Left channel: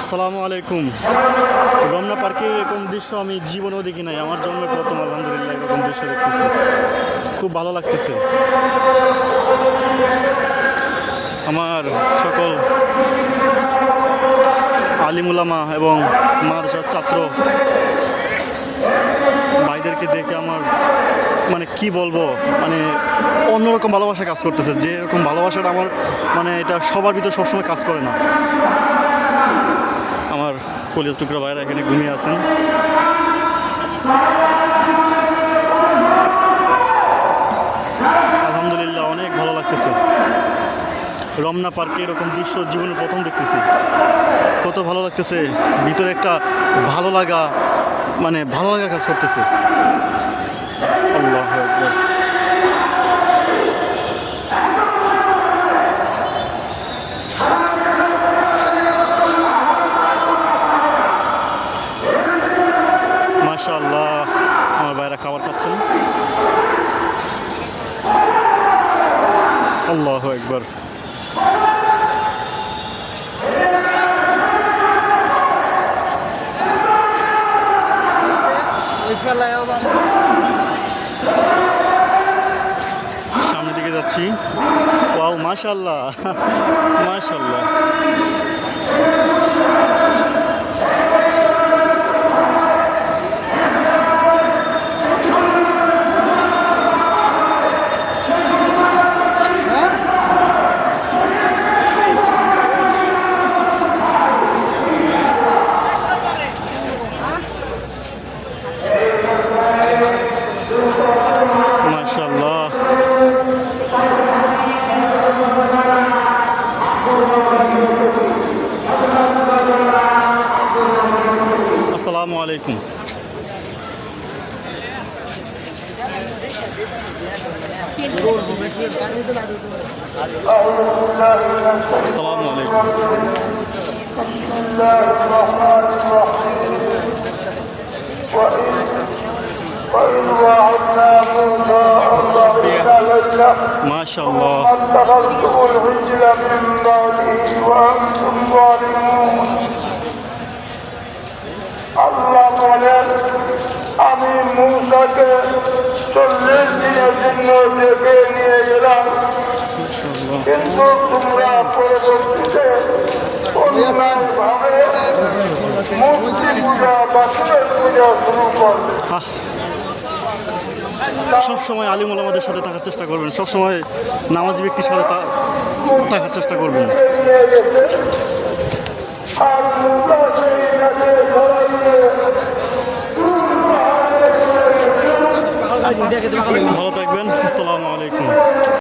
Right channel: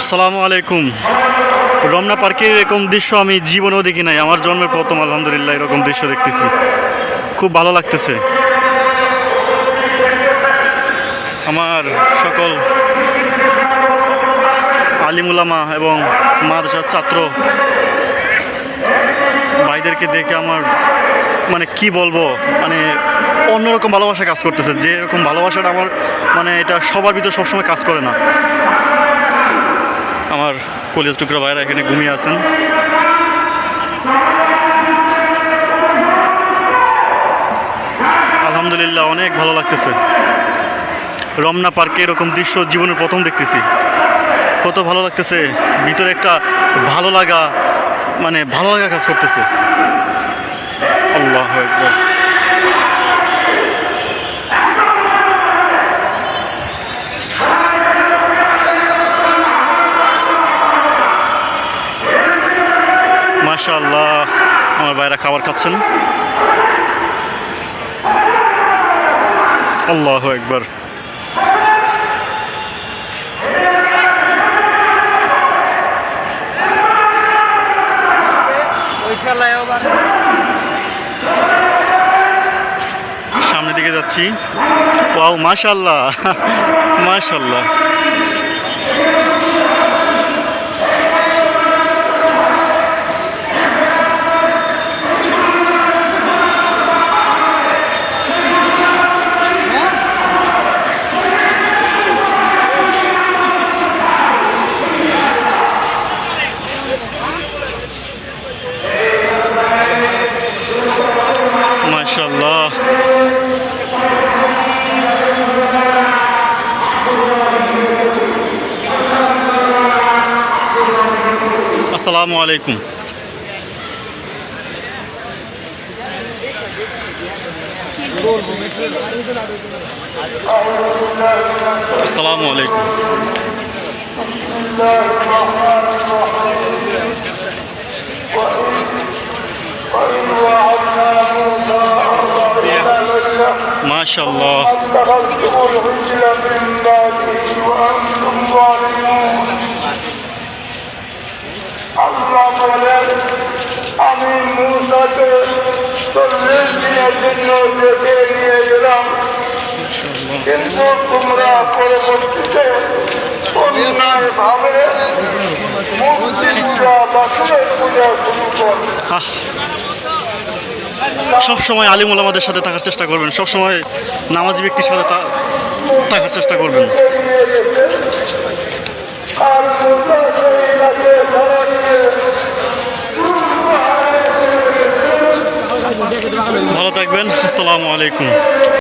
আসসালামু আলাইকুম। রমনা পার্কের এরকম দৃশ্য আমি জীবনেও দেখি নাই। আমার জন্মের প্রথম আলহামদুলিল্লাহ এরকম দৃশ্য দেখতেছি, খুব ভালো লাগতেছে। আমার সকল আলিমুলামা এবং মাদ্রাসার ছাত্র ভাইদেরকে দেখে আমার মানে কি বলবো, মানে অন্যরকম ভালোবাসা কাজ করতেছে। যে এরকম ভালোবাসাটা আমার মানে এটা সবার ভিতর সবসময় কাজ করে না। আমার কলিজার টুকরা ভাইরা এখানে ঘুমিয়ে আছেন। আলহামদুলিল্লাহ অনেক ভালো লাগতেছে। রমনা পার্কে এরকম দৃশ্য জীবনের প্রথম দেখতেছি, কত ভালো লাগতেছে। ভিতরে একটা ভালো লাগা, মানে ভালো লাগা কাজ করতেছে। আল্লাহু আকবার। মাশাআল্লাহ, আমার ভাইরা খাবার খাচ্ছেন। আল্লাহু আকবার। সামনের দিকে যাচ্ছি। ওয়াও, মাশাআল্লাহ মাশাআল্লাহ। মাশাআল্লাহ। আসসালামু আলাইকুম। আসসালামু আলাইকুম। মাশাআল্লাহ। আল্লাহ বলেন, আমি মূসাকে 40 দিনের জন্য রেখে নিয়ে গেলাম, কিন্তু তোমরা পরবর্তীতে অন্যায়ভাবে মূর্তিপূজা বাছুরের পূজা শুরু করবে। সবসময় আলিম ওলামাদের সাথে থাকার চেষ্টা করবেন, সবসময় নামাজি ব্যক্তির সাথে থাকার চেষ্টা করবেন। ভালো থাকবেন। আসসালামু আলাইকুম।